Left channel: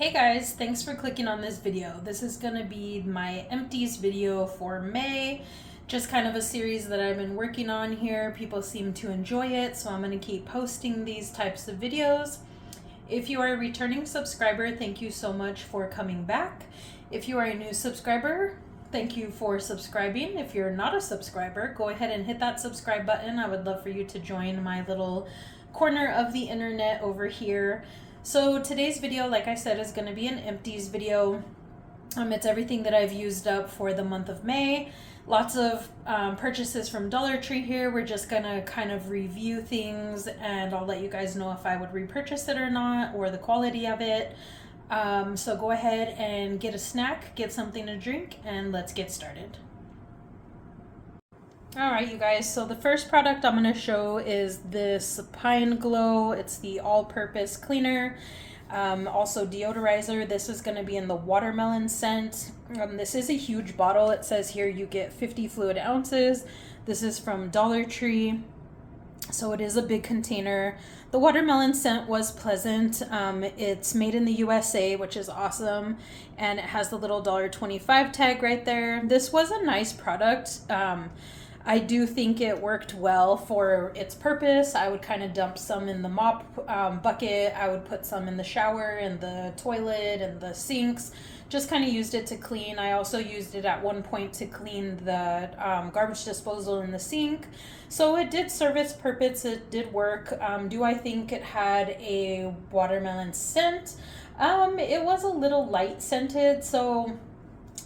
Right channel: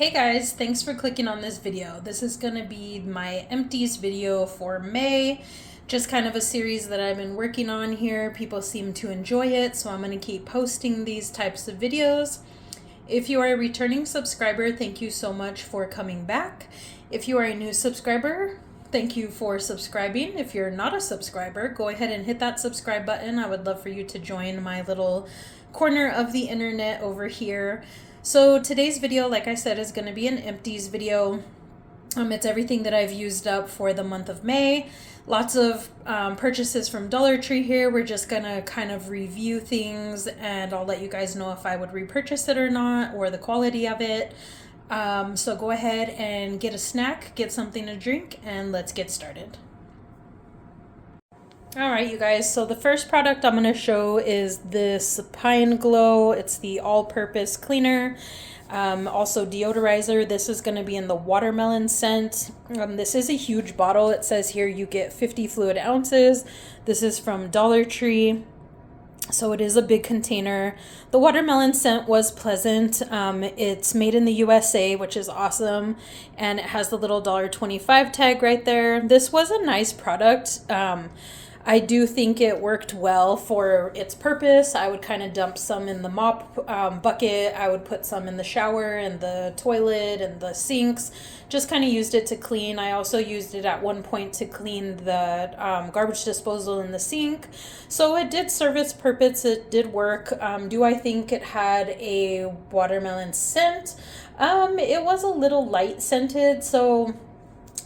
Hey guys, thanks for clicking on this video. This is going to be my Empties video for May. Just kind of a series that I've been working on here. People seem to enjoy it, so I'm going to keep posting these types of videos. If you are a returning subscriber, thank you so much for coming back. If you are a new subscriber, thank you for subscribing. If you're not a subscriber, go ahead and hit that subscribe button. I would love for you to join my little corner of the internet over here. So today's video, like I said, is going to be an empties video. It's everything that I've used up for the month of May. Lots of purchases from Dollar Tree here. We're just going to kind of review things, and I'll let you guys know if I would repurchase it or not, or the quality of it. So go ahead and get a snack, get something to drink, and let's get started. Alright, you guys, so the first product I'm going to show is this Pine Glow. It's the all-purpose cleaner, also deodorizer. This is going to be in the watermelon scent. This is a huge bottle. It says here you get 50 fluid ounces. This is from Dollar Tree, so it is a big container. The watermelon scent was pleasant. It's made in the USA, which is awesome, and it has the little $1.25 tag right there. This was a nice product. I do think it worked well for its purpose. I would kind of dump some in the mop bucket. I would put some in the shower and the toilet and the sinks. Just kind of used it to clean. I also used it at one point to clean the garbage disposal in the sink. So it did serve its purpose. It did work. Do I think it had a watermelon scent? It was a little light scented. So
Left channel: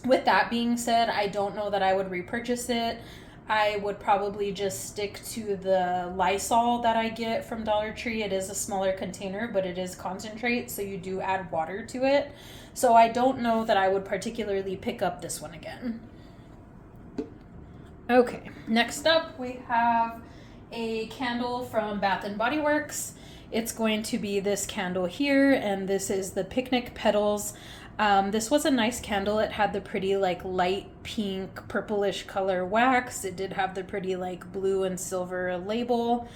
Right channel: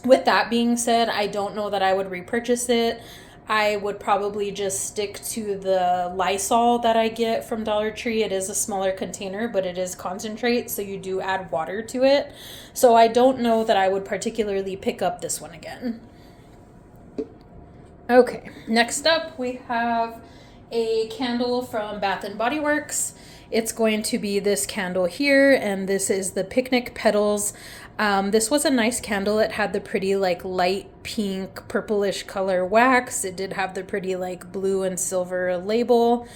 with that being said, I don't know that I would repurchase it. I would probably just stick to the Lysol that I get from Dollar Tree. It is a smaller container, but it is concentrate, so you do add water to it. So I don't know that I would particularly pick up this one again. Okay, next up we have a candle from Bath & Body Works. It's going to be this candle here, and this is the Picnic Petals. This was a nice candle. It had the pretty like light pink purplish color wax. It did have the pretty like blue and silver label.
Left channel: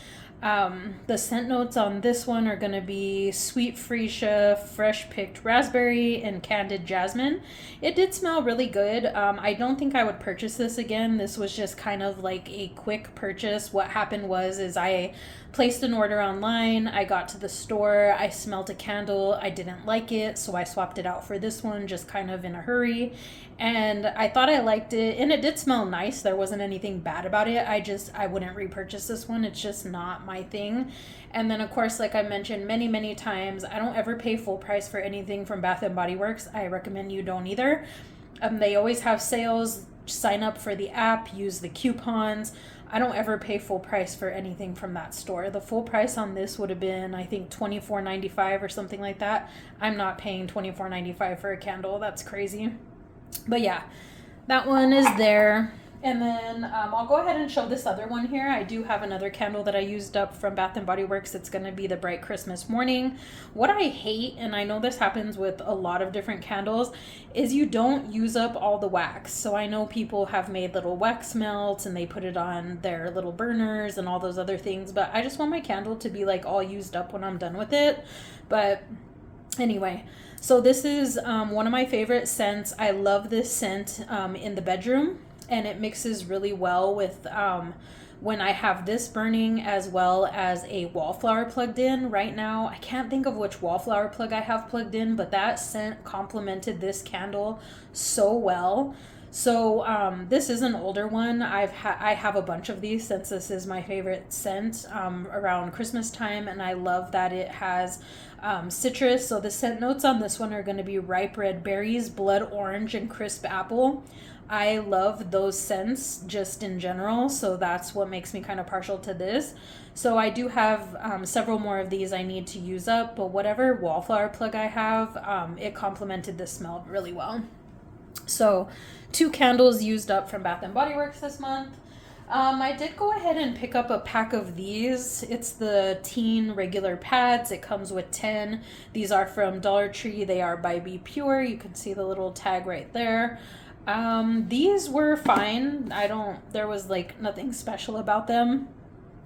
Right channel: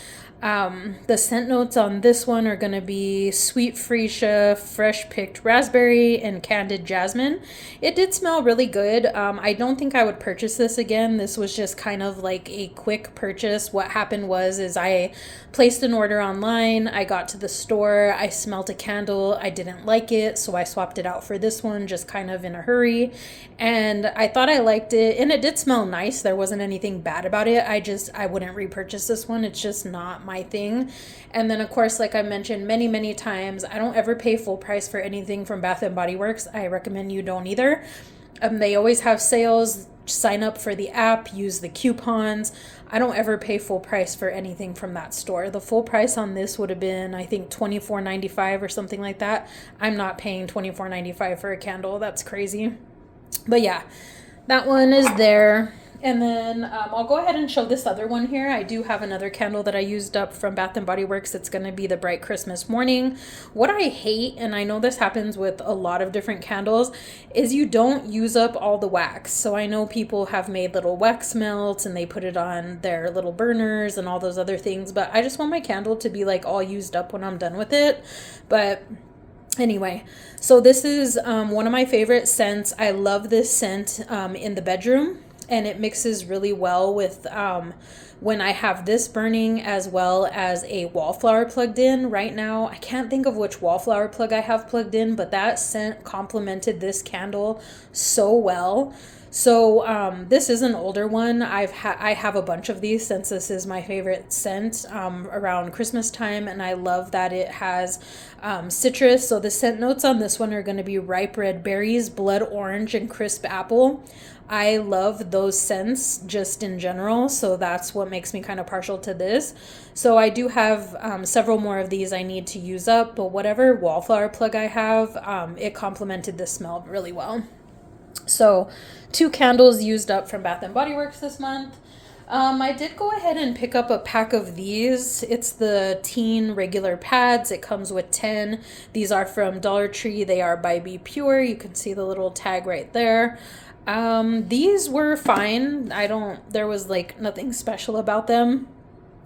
The scent notes on this one are going to be sweet freesia, fresh picked raspberry, and candied jasmine. It did smell really good. I don't think I would purchase this again. This was just kind of like a quick purchase. What happened is I placed an order online. I got to the store. I smelled a candle. I didn't like it, so I swapped it out for this one just kind of in a hurry. And I thought I liked it, and it did smell nice. There wasn't anything bad about it. I wouldn't repurchase this one. It's just not my thing. And then of course, like I mentioned many times, I don't ever pay full price for anything from Bath & Body Works. I recommend you don't either. They always have sales. Sign up for the app, use the coupons. I don't ever pay full price for anything from that store. The full price on this would have been, I think, $24.95 or something like that. I'm not paying $24.95 for a candle. That's crazy. But yeah, that one is there. And then I'll go ahead and show this other one here. I do have another candle that I used up from Bath & Body Works. It's going to be the Bright Christmas Morning. What I hate, and I know this happens with a lot of different candles, is you don't use up all the wax. So I know people have made little wax melts and they put it on their little burners and all those other things. But I just want my candle to be like all used up when I'm done with it. But anyway, so this is one of my favorite scents. I love this scent in the bedroom. And it mixes really well with when I have this burning, as well as a wallflower plugged in. Right now, I can't think of which wallflower plug I have plugged in, but that scent complemented this candle so well. So this is an older one. I have a bunch of these since this is my favorite scent around Christmas time, and I love that it has citrus. So the scent notes on this one are going to be ripe red berries, blood orange, and crisp apple. I love those scents just in general, so that's what makes me kind of partial to this. So I do have several more of these I need to use up, but whatever wallflower plug I have, it complemented the smell really well. So 2 candles used up from Bath & Body Works this month. I did go ahead and pick up a pack of these. It's the teen regular pads. It comes with 10. These are from Dollar Tree. They are by Be Pure. You can see the little tag right there. These were fine. There was like nothing special about them.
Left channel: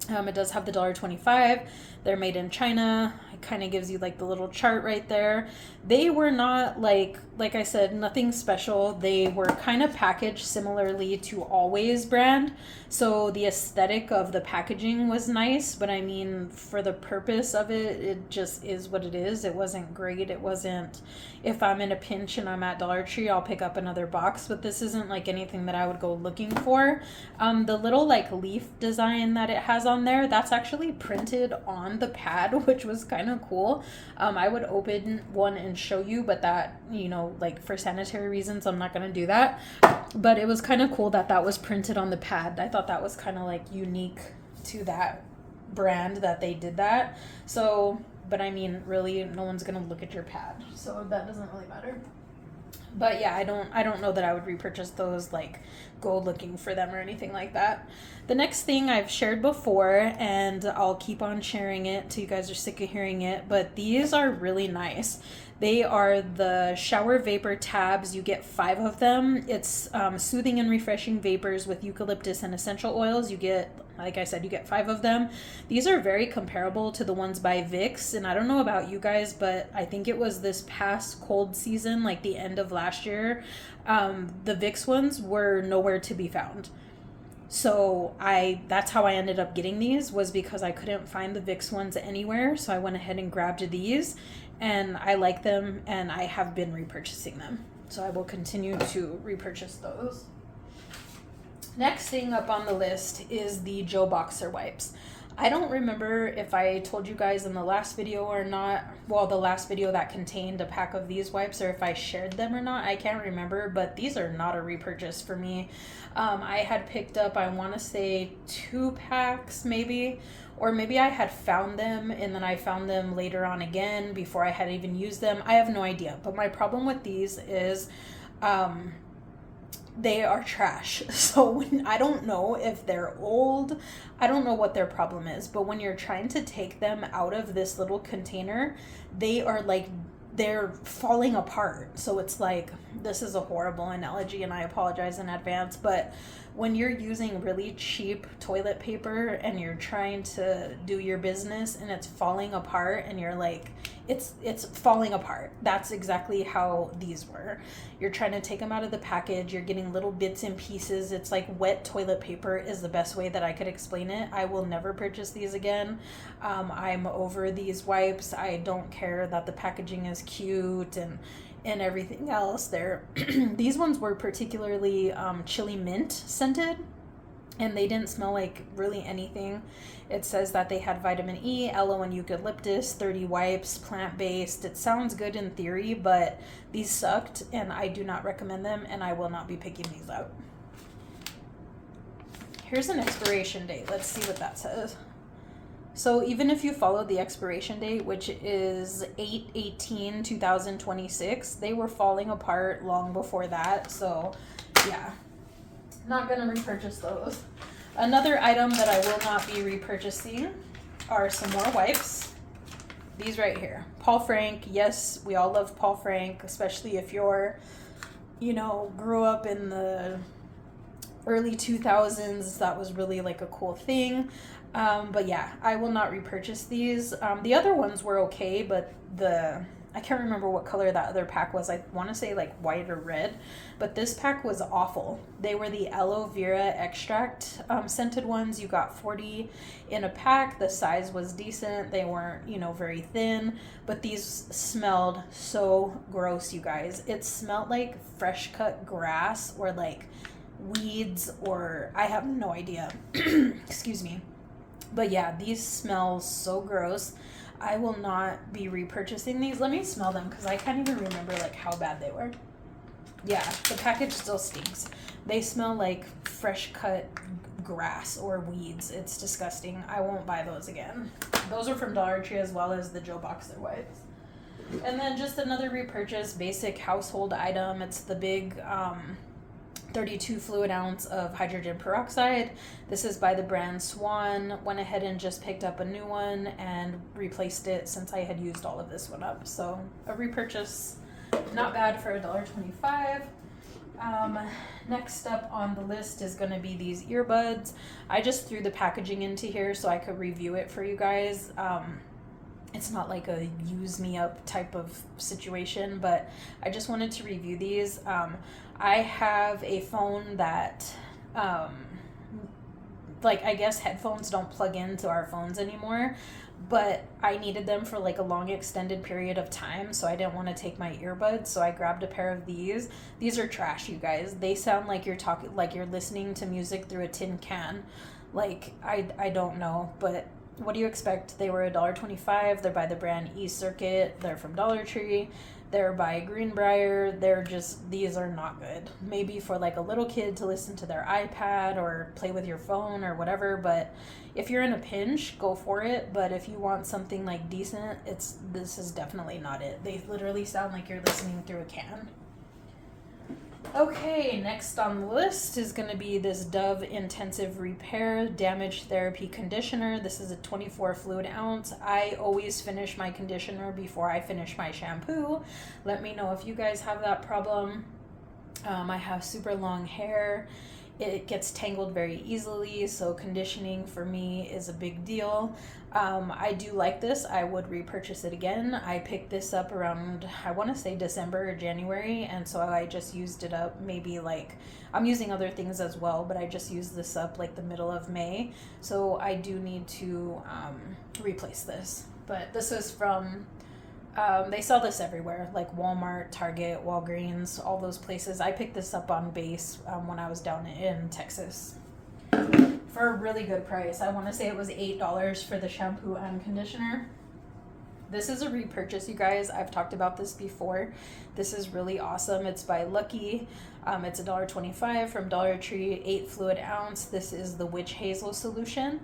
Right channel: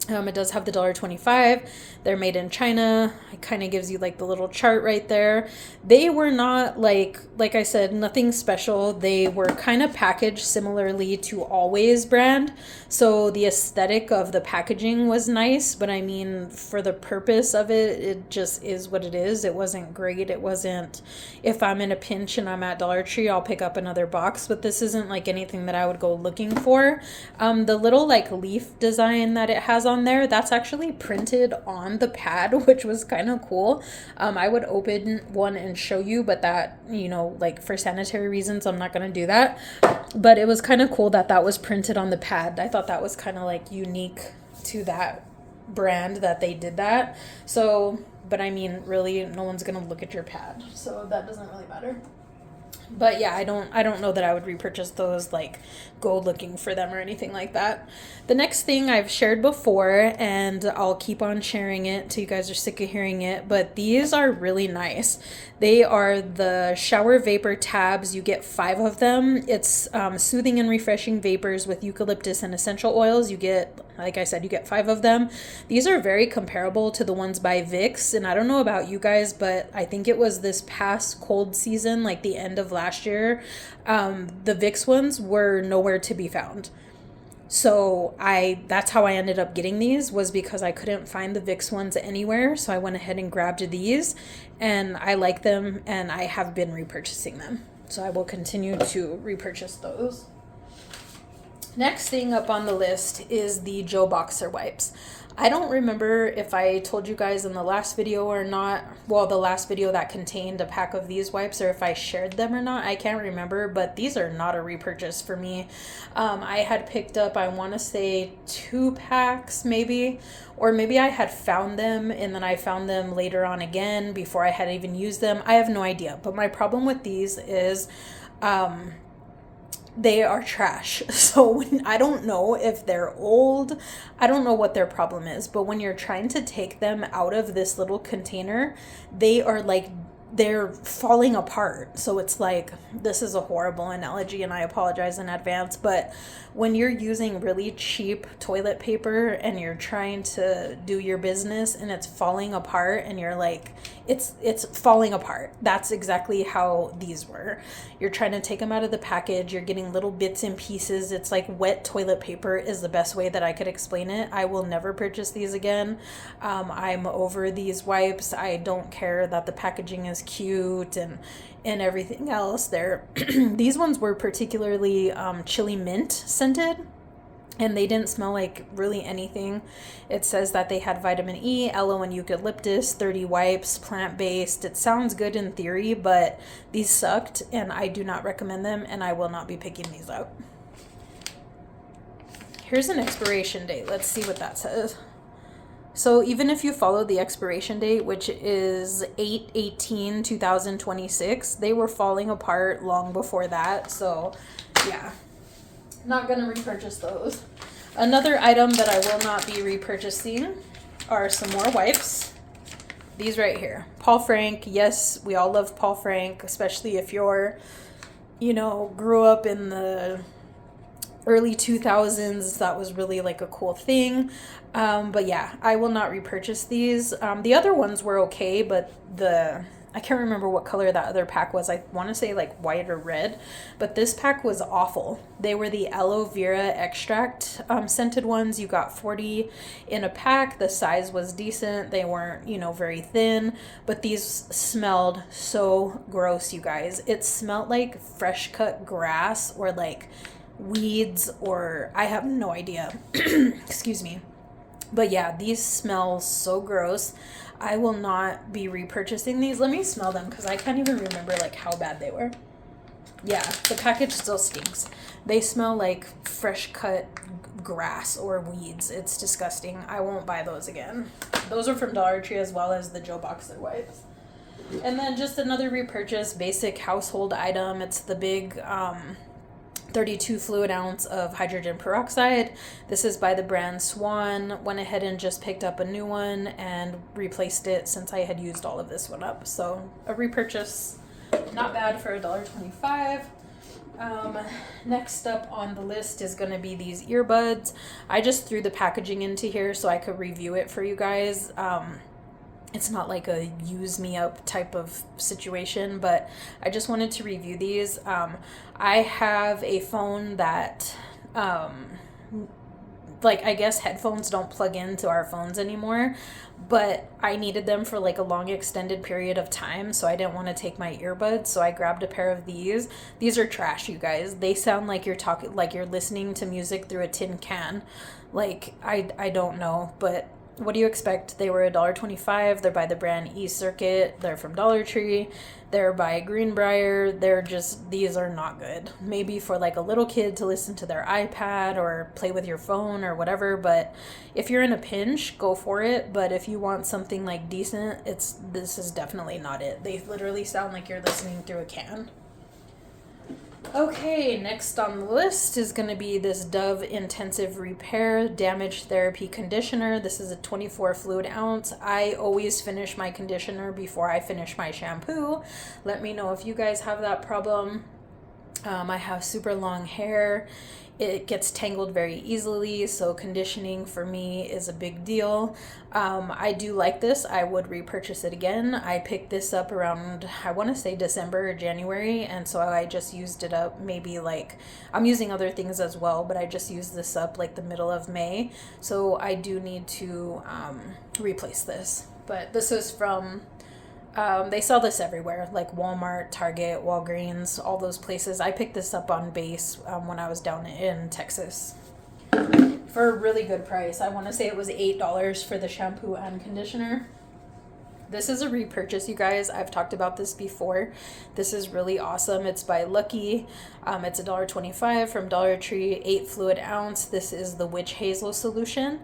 It does have the $1.25. They're made in China. It kind of gives you like the little chart right there. They were not like I said, nothing special. They were kind of packaged similarly to Always brand. So the aesthetic of the packaging was nice, but I mean, for the purpose of it, it just is what it is. It wasn't great. It wasn't, if I'm in a pinch and I'm at Dollar Tree, I'll pick up another box, but this isn't like anything that I would go looking for. The little like leaf design that it has on there, that's actually printed on the pad, which was kind of cool. I would open one and show you, but that, like for sanitary reasons, I'm not going to do that. But it was kind of cool that that was printed on the pad. I thought that was kind of like unique to that brand that they did that. So, but I mean, really, no one's going to look at your pad, so that doesn't really matter. But yeah, I don't know that I would repurchase those, like go looking for them or anything like that. The next thing I've shared before, and I'll keep on sharing it till you guys are sick of hearing it, but these are really nice. They are the shower vapor tabs. You get 5 of them. It's soothing and refreshing vapors with eucalyptus and essential oils. You get, like I said, you get 5 of them. These are very comparable to the ones by Vicks, and I don't know about you guys, but I think it was this past cold season, like the end of last year, the Vicks ones were nowhere to be found. So that's how I ended up getting these, was because I couldn't find the Vicks ones anywhere. So I went ahead and grabbed these, and I like them, and I have been repurchasing them. So I will continue to repurchase those. Next thing up on the list is the Joe Boxer wipes. I don't remember if I told you guys in the last video or not, well, the last video that contained a pack of these wipes, or if I shared them or not. I can't remember, but these are not a repurchase for me. I had picked up, I want to say 2 packs maybe, or maybe I had found them and then I found them later on again before I had even used them. I have no idea, but my problem with these is they are trash. So I don't know if they're old. I don't know what their problem is, but when you're trying to take them out of this little container, they're falling apart. So it's like, this is a horrible analogy and I apologize in advance, but when you're using really cheap toilet paper and you're trying to do your business and it's falling apart and you're like, it's falling apart. That's exactly how these were. You're trying to take them out of the package. You're getting little bits and pieces. It's like wet toilet paper is the best way that I could explain it. I will never purchase these again. I'm over these wipes. I don't care that the packaging is cute and everything else. These ones were particularly chili mint scented, and they didn't smell like really anything. It says that they had vitamin E, aloe, and eucalyptus, 30 wipes, plant-based. It sounds good in theory, but these sucked, and I do not recommend them, and I will not be picking these up. Here's an expiration date. Let's see what that says. So even if you follow the expiration date, which is 8/18/2026, they were falling apart long before that. So yeah, not going to repurchase those. Another item that I will not be repurchasing are some more wipes. These right here. Paul Frank. Yes, we all love Paul Frank, especially if you're, grew up in the early 2000s. That was really like a cool thing. But yeah, I will not repurchase these. The other ones were okay, but I can't remember what color that other pack was. I want to say like white or red, but this pack was awful. They were the aloe vera extract scented ones. You got 40 in a pack. The size was decent. They weren't, very thin, but these smelled so gross, you guys. It smelled like fresh cut grass or like weeds, or I have no idea. Excuse me. But yeah, these smell so gross. I will not be repurchasing these. Let me smell them because I can't even remember like how bad they were. Yeah, the package still stinks. They smell like fresh cut grass or weeds. It's disgusting. I won't buy those again. Those are from Dollar Tree as well as the Joe Boxer wipes. And then just another repurchase, basic household item. It's the big 32 fluid ounce of hydrogen peroxide. This is by the brand Swan. Went ahead and just picked up a new one and replaced it since I had used all of this one up. So a repurchase, not bad for $1.25. Um, Next up on the list is going to be these earbuds. I just threw the packaging into here so I could review it for you guys. It's not like a use me up type of situation, but I just wanted to review these. I have a phone that, like, I guess headphones don't plug into our phones anymore, but I needed them for like a long extended period of time, so I didn't want to take my earbuds, so I grabbed a pair of these. These are trash, you guys. They sound like you're talking, like you're listening to music through a tin can. Like, I don't know, but what do you expect? They were $1.25. They're by the brand E-Circuit. They're from Dollar Tree. They're by Greenbrier. These are not good. Maybe for like a little kid to listen to their iPad or play with your phone or whatever, but if you're in a pinch, go for it. But if you want something like decent, this is definitely not it. They literally sound like you're listening through a can. Okay, next on the list is going to be this Dove Intensive Repair Damage Therapy Conditioner. This is a 24 fluid ounce. I always finish my conditioner before I finish my shampoo. Let me know if you guys have that problem. I have super long hair. It gets tangled very easily, so conditioning for me is a big deal. I do like this. I would repurchase it again. I picked this up around, I want to say December or January, and so I just used it up maybe like, I'm using other things as well, but I just used this up like the middle of May, so I do need to replace this. But this is from, they sell this everywhere, like Walmart, Target, Walgreens, all those places. I picked this up on base when I was down in Texas for a really good price. I want to say it was $8 for the shampoo and conditioner. This is a repurchase, you guys. I've talked about this before. This is really awesome. It's by Lucky. It's $1.25 from Dollar Tree, 8 fluid ounce. This is the witch hazel solution.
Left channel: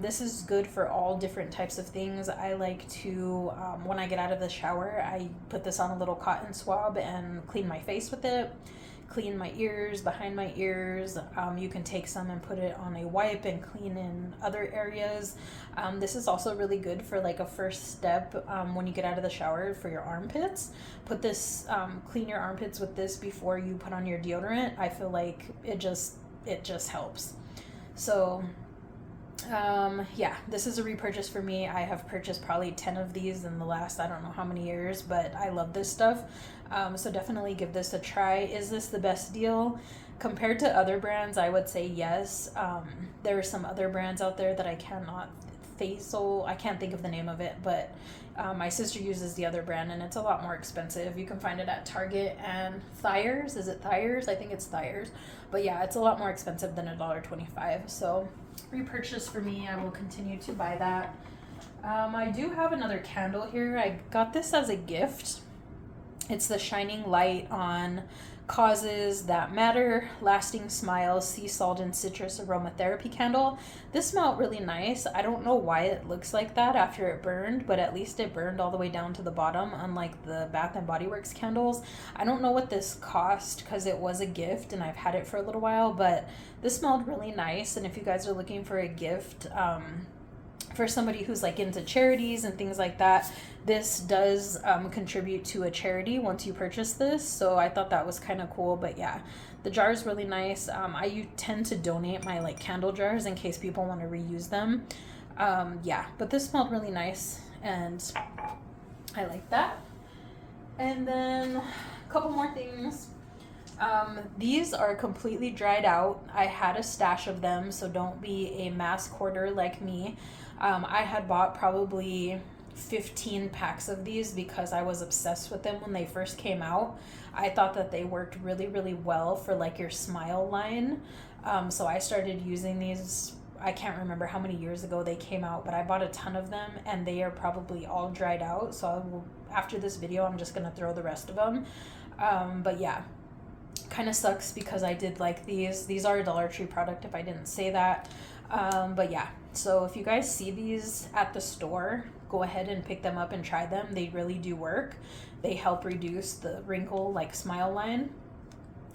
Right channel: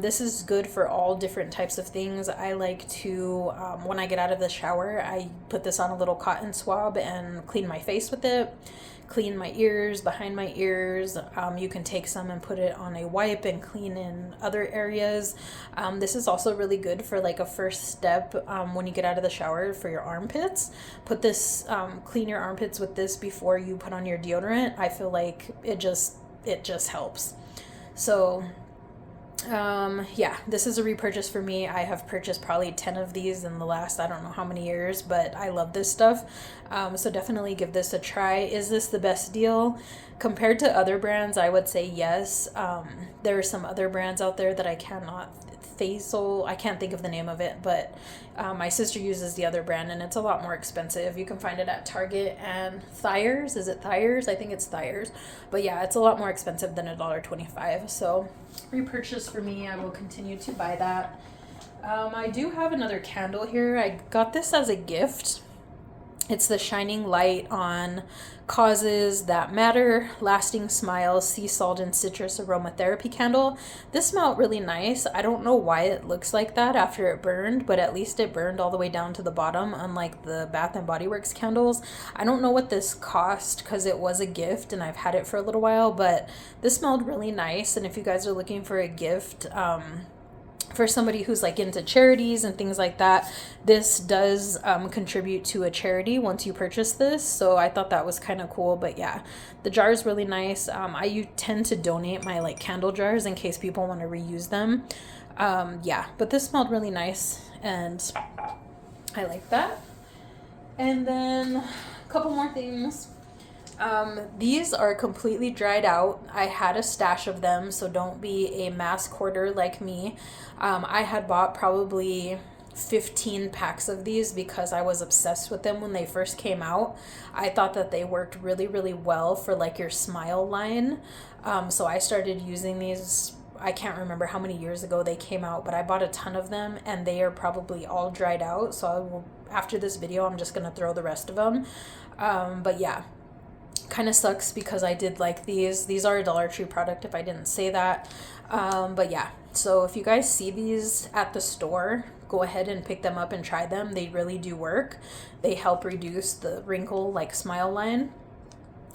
This is good for all different types of things. I like to, when I get out of the shower, I put this on a little cotton swab and clean my face with it, clean my ears, behind my ears. You can take some and put it on a wipe and clean in other areas. This is also really good for like a first step when you get out of the shower for your armpits. Put this, clean your armpits with this before you put on your deodorant. I feel like it just helps. So yeah, this is a repurchase for me. I have purchased probably 10 of these in the last, I don't know how many years, but I love this stuff. So definitely give this a try. Is this the best deal? Compared to other brands, I would say yes. There are some other brands out there that I cannot I can't think of the name of it, but my sister uses the other brand and it's a lot more expensive. You can find it at Target and Thyers. Is it Thyers? I think it's Thyers. But yeah, it's a lot more expensive than $1.25. So repurchase for me. I will continue to buy that. I do have another candle here. I got this as a gift. It's the Shining Light on Causes That Matter Lasting Smiles Sea Salt and Citrus Aromatherapy Candle. This smelled really nice. I don't know why it looks like that after it burned, but at least it burned all the way down to the bottom, unlike the Bath and Body Works candles. I don't know what this cost because it was a gift and I've had it for a little while, but this smelled really nice. And if you guys are looking for a gift, for somebody who's like into charities and things like that, this does contribute to a charity once you purchase this, so I thought that was kind of cool. But yeah, the jar is really nice. I tend to donate my like candle jars in case people want to reuse them. Yeah, but this smelled really nice and I like that. And then a couple more things. These are completely dried out. I had a stash of them, so don't be a mass hoarder like me. I had bought probably 15 packs of these because I was obsessed with them when they first came out. I thought that they worked really, really well for like your smile line. So I started using these. I can't remember how many years ago they came out, but I bought a ton of them and they are probably all dried out. So after this video, I'm just going to throw the rest of them. But yeah, kind of sucks because I did like these. These are a Dollar Tree product if I didn't say that. But yeah, so if you guys see these at the store, go ahead and pick them up and try them. They really do work. They help reduce the wrinkle like smile line.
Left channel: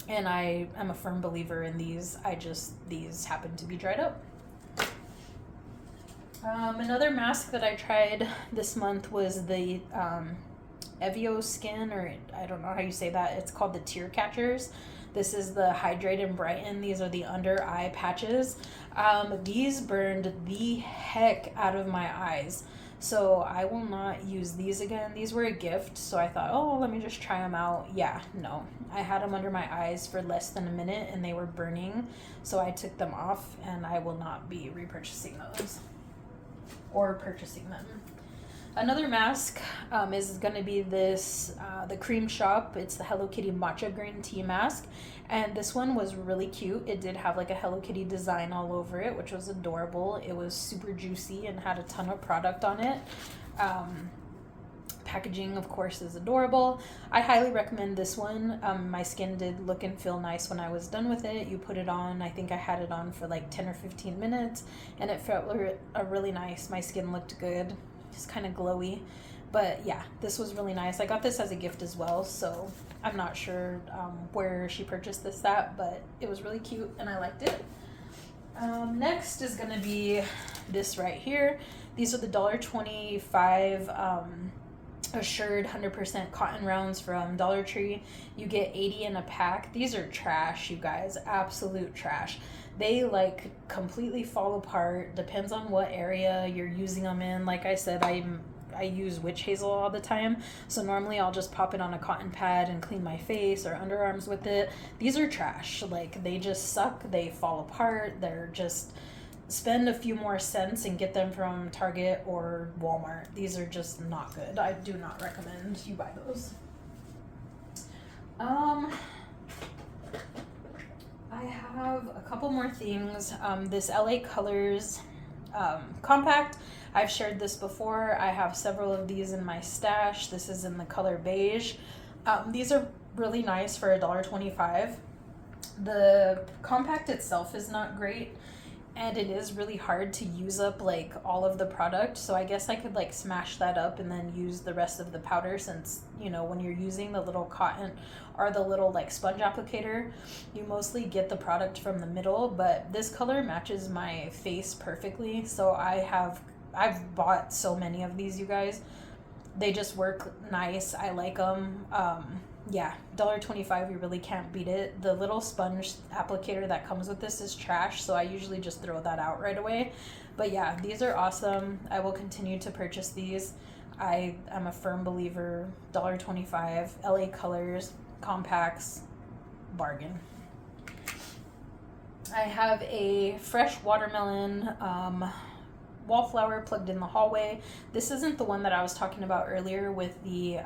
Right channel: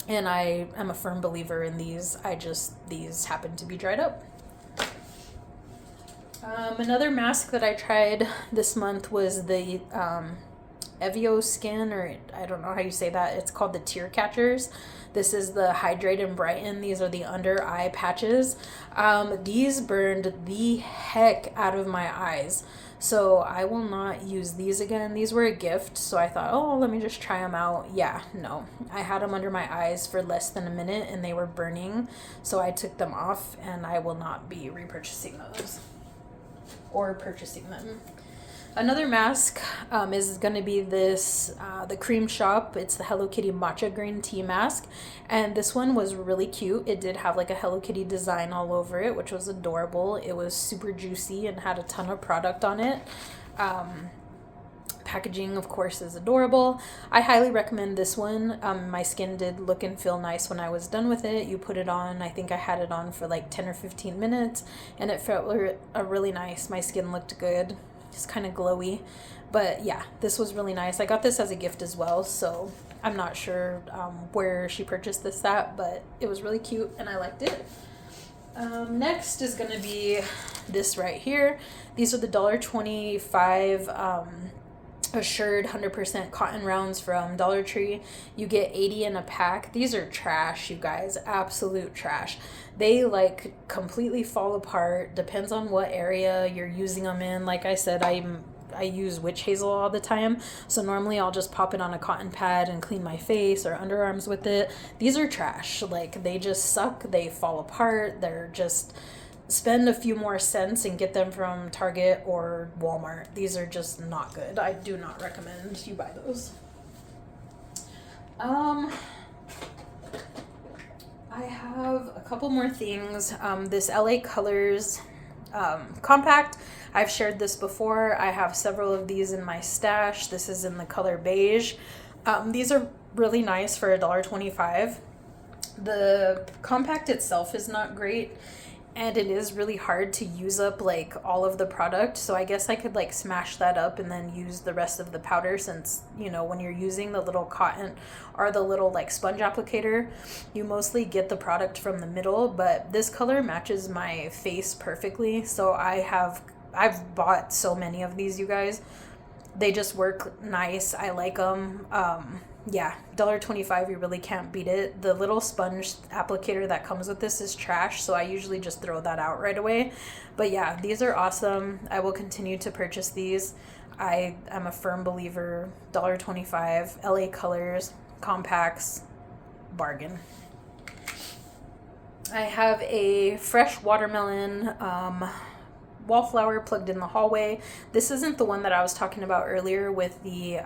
And I am a firm believer in these. These happen to be dried up. Another mask that I tried this month was the Evio Skin, or I don't know how you say that. It's called the Tear Catchers. This is the Hydrate and Brighten. These are the under eye patches. These burned the heck out of my eyes. So I will not use these again. These were a gift, so I thought, oh, let me just try them out. Yeah, no. I had them under my eyes for less than a minute and they were burning. So I took them off and I will not be repurchasing those or purchasing them. Another mask is going to be this, the Cream Shop. It's the Hello Kitty Matcha Green Tea Mask. And this one was really cute. It did have like a Hello Kitty design all over it, which was adorable. It was super juicy and had a ton of product on it. Packaging, of course, is adorable. I highly recommend this one. My skin did look and feel nice when I was done with it. You put it on, I think I had it on for like 10 or 15 minutes, and it felt really nice. My skin looked good. It's kind of glowy, but yeah, this was really nice. I got this as a gift as well, so I'm not sure where she purchased this at, but it was really cute and I liked it. Next is going to be this right here. These are the $1.25 assured 100% cotton rounds from Dollar Tree. You get 80 in a pack. These are trash, you guys, absolute trash. They like completely fall apart. Depends on what area you're using them in. Like I said, I use witch hazel all the time, so normally I'll just pop it on a cotton pad and clean my face or underarms with it. These are trash. Like, they just suck. They fall apart. They're just, spend a few more cents and get them from Target or Walmart. These are just not good. I do not recommend you buy those. I have a couple more things. This LA Colors compact. I've shared this before. I have several of these in my stash. This is in the color beige. These are really nice for $1.25. The compact itself is not great, and it is really hard to use up like all of the product, so I guess I could like smash that up and then use the rest of the powder, since, you know, when you're using the little cotton or the little like sponge applicator, you mostly get the product from the middle. But this color matches my face perfectly, so I've bought so many of these, you guys. They just work nice. I like them. Yeah, $1.25, you really can't beat it. The little sponge applicator that comes with this is trash, so I usually just throw that out right away. But yeah, these are awesome. I will continue to purchase these. I am a firm believer. $1.25, LA Colors, compacts, bargain. I have a fresh watermelon wallflower plugged in the hallway. This isn't the one that I was talking about earlier with the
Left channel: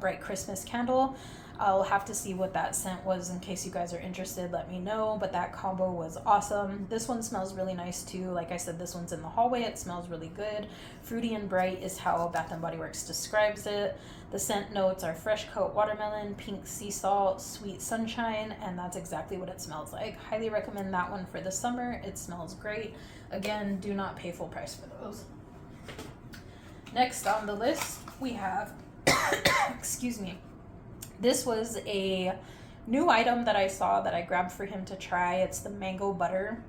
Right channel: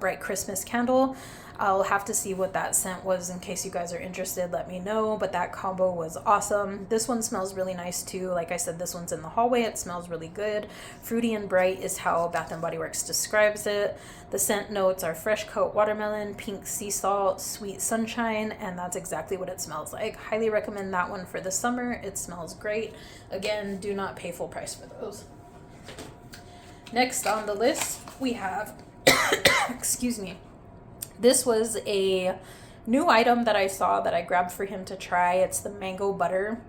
bright Christmas candle. I'll have to see what that scent was. In case you guys are interested, let me know. But that combo was awesome. This one smells really nice too. Like I said, this one's in the hallway. It smells really good. Fruity and bright is how Bath & Body Works describes it. The scent notes are fresh coat watermelon, pink sea salt, sweet sunshine, and that's exactly what it smells like. Highly recommend that one for the summer. It smells great. Again, do not pay full price for those. Next on the list, we have excuse me. This was a new item that I saw that I grabbed for him to try. It's the mango butter,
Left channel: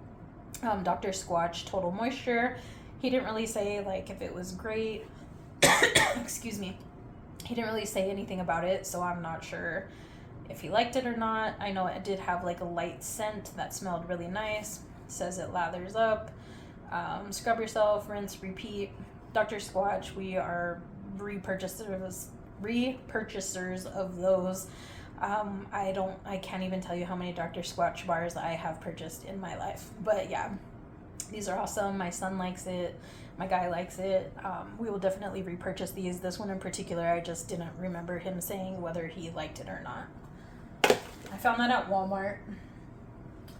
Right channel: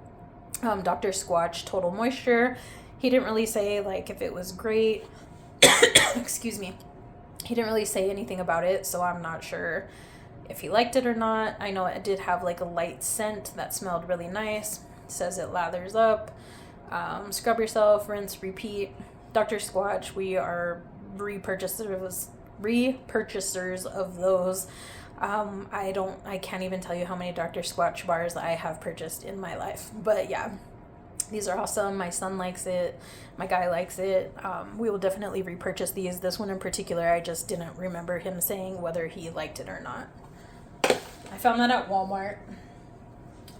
Dr. Squatch Total Moisture. He didn't really say like if it was great. Excuse me. He didn't really say anything about it, so I'm not sure if he liked it or not. I know it did have like a light scent that smelled really nice. It says it lathers up. Scrub yourself, rinse, repeat. Dr. Squatch, we are repurchasers of those. I can't even tell you how many Dr. Squatch bars I have purchased in my life. But yeah, these are awesome. My son likes it. My guy likes it. We will definitely repurchase these. This one in particular, I just didn't remember him saying whether he liked it or not. I found that at Walmart.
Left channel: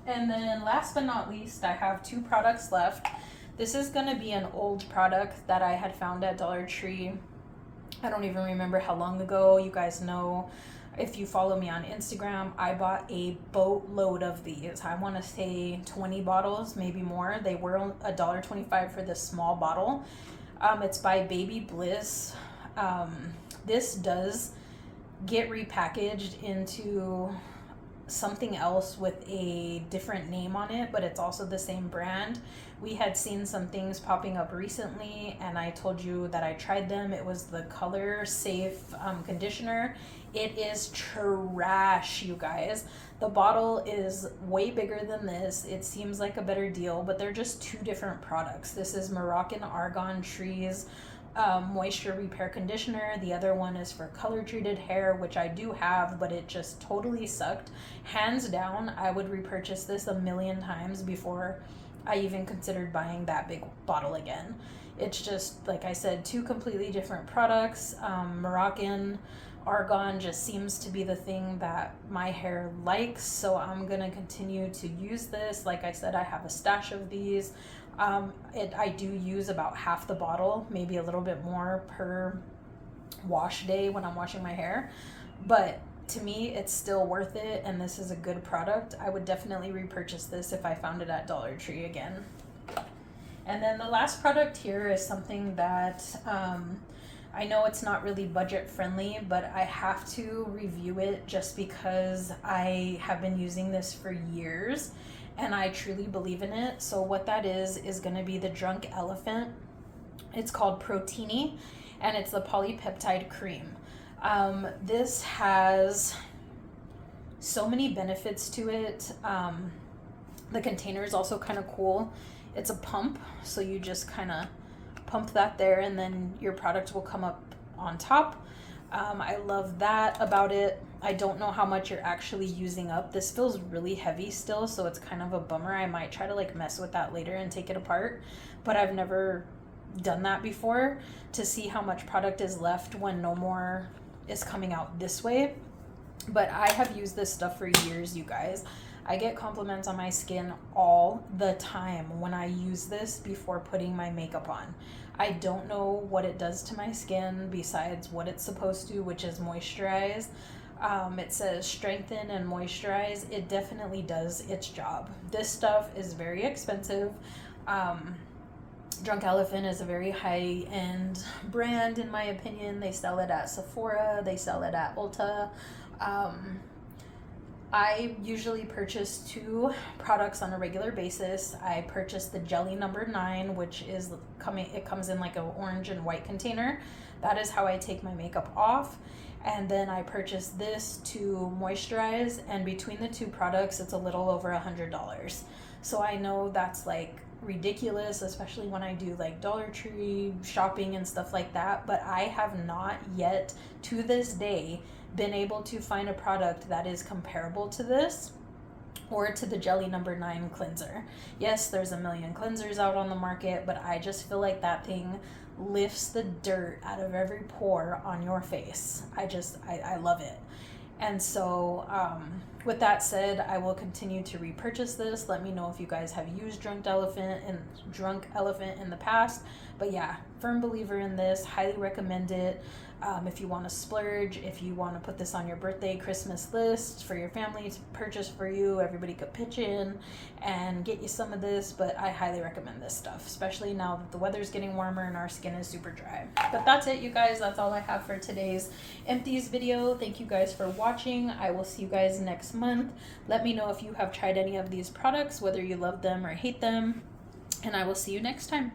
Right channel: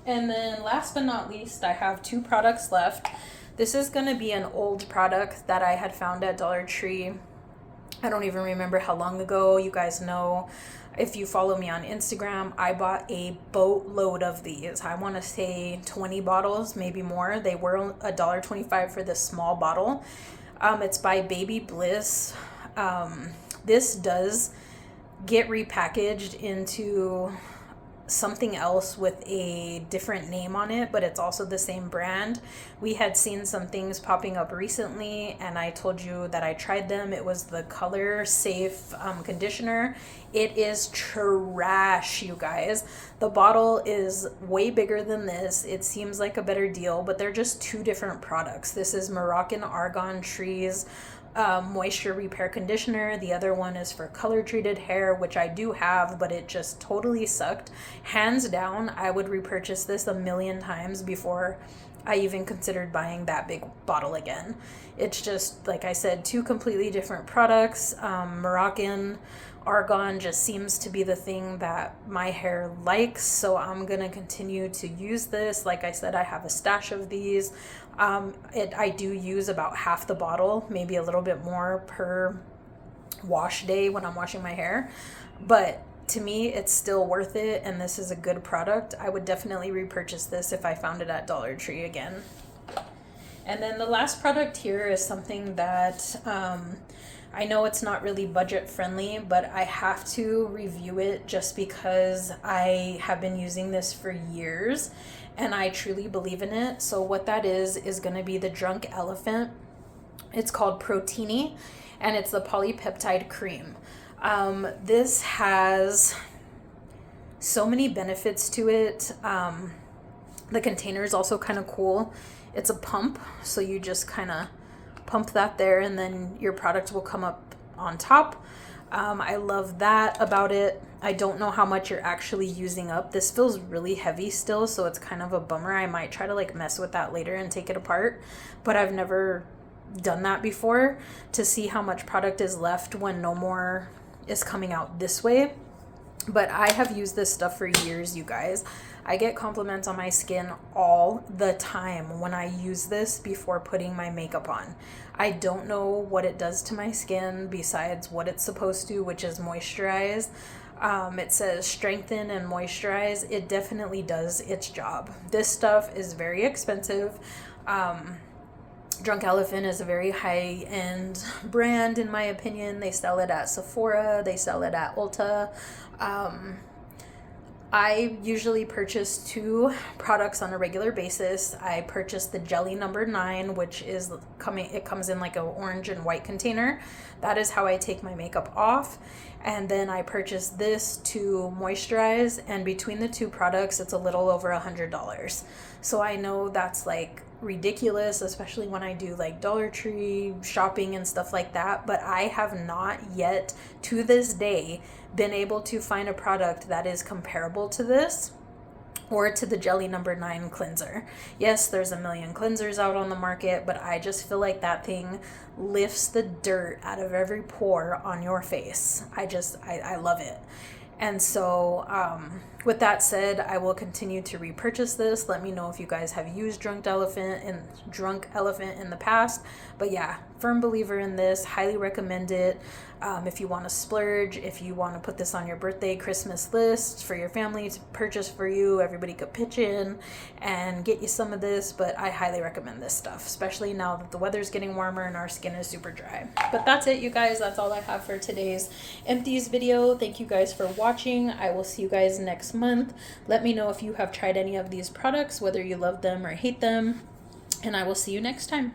And then last but not least, I have 2 products left. This is going to be an old product that I had found at Dollar Tree. I don't even remember how long ago. You guys know, if you follow me on Instagram, I bought a boatload of these. I want to say 20 bottles, maybe more. They were $1.25 for this small bottle. It's by Baby Bliss. This does get repackaged into something else with a different name on it, but it's also the same brand. We had seen some things popping up recently, and I told you that I tried them. It was the Color Safe conditioner. It is trash, you guys. The bottle is way bigger than this. It seems like a better deal, but they're just two different products. This is Moroccan Argan Trees moisture repair conditioner. The other one is for color treated hair, which I do have, but it just totally sucked. Hands down, I would repurchase this a million times before I even considered buying that big bottle again. It's just, like I said, two completely different products. Moroccan Argan just seems to be the thing that my hair likes, so I'm gonna continue to use this. Like I said, I have a stash of these. I do use about half the bottle, maybe a little bit more per wash day when I'm washing my hair, but to me it's still worth it, and this is a good product. I would definitely repurchase this if I found it at Dollar Tree again. And then the last product here is something that I know it's not really budget friendly, but I have to review it just because I have been using this for years and I truly believe in it. So what that is going to be the Drunk Elephant. It's called Proteini, and it's the polypeptide cream. This has so many benefits to it. The container is also kind of cool. It's a pump, so you just kind of pump that there and then your product will come up on top. I love that about it. I don't know how much you're actually using up. This feels really heavy still, so it's kind of a bummer. I might try to like mess with that later and take it apart, but I've never done that before to see how much product is left when no more is coming out this way. But I have used this stuff for years, you guys. I get compliments on my skin all the time when I use this before putting my makeup on. I don't know what it does to my skin besides what it's supposed to, which is moisturize. It says strengthen and moisturize. It definitely does its job. This stuff is very expensive. Drunk Elephant is a very high-end brand, in my opinion. They sell it at Sephora. They sell it at Ulta. I usually purchase two products on a regular basis. I purchase the Jelly number 9, which is it comes in like an orange and white container. That is how I take my makeup off. And then I purchase this to moisturize, and between the two products, it's a little over $100. So I know that's like ridiculous, especially when I do like Dollar Tree shopping and stuff like that, but I have not yet to this day been able to find a product that is comparable to this or to the Jelly number 9 cleanser. Yes, there's a million cleansers out on the market, but I just feel like that thing lifts the dirt out of every pore on your face. I love it. And so with that said, I will continue to repurchase this. Let me know if you guys have used Drunk Elephant in the past. But yeah, firm believer in this, highly recommend it. If you want to splurge, if you want to put this on your birthday, Christmas list for your family to purchase for you, everybody could pitch in and get you some of this. But I highly recommend this stuff, especially now that the weather's getting warmer and our skin is super dry. But that's it, you guys. That's all I have for today's Empties video. Thank you guys for watching. I will see you guys next month. Let me know if you have tried any of these products, whether you love them or hate them, and I will see you next time.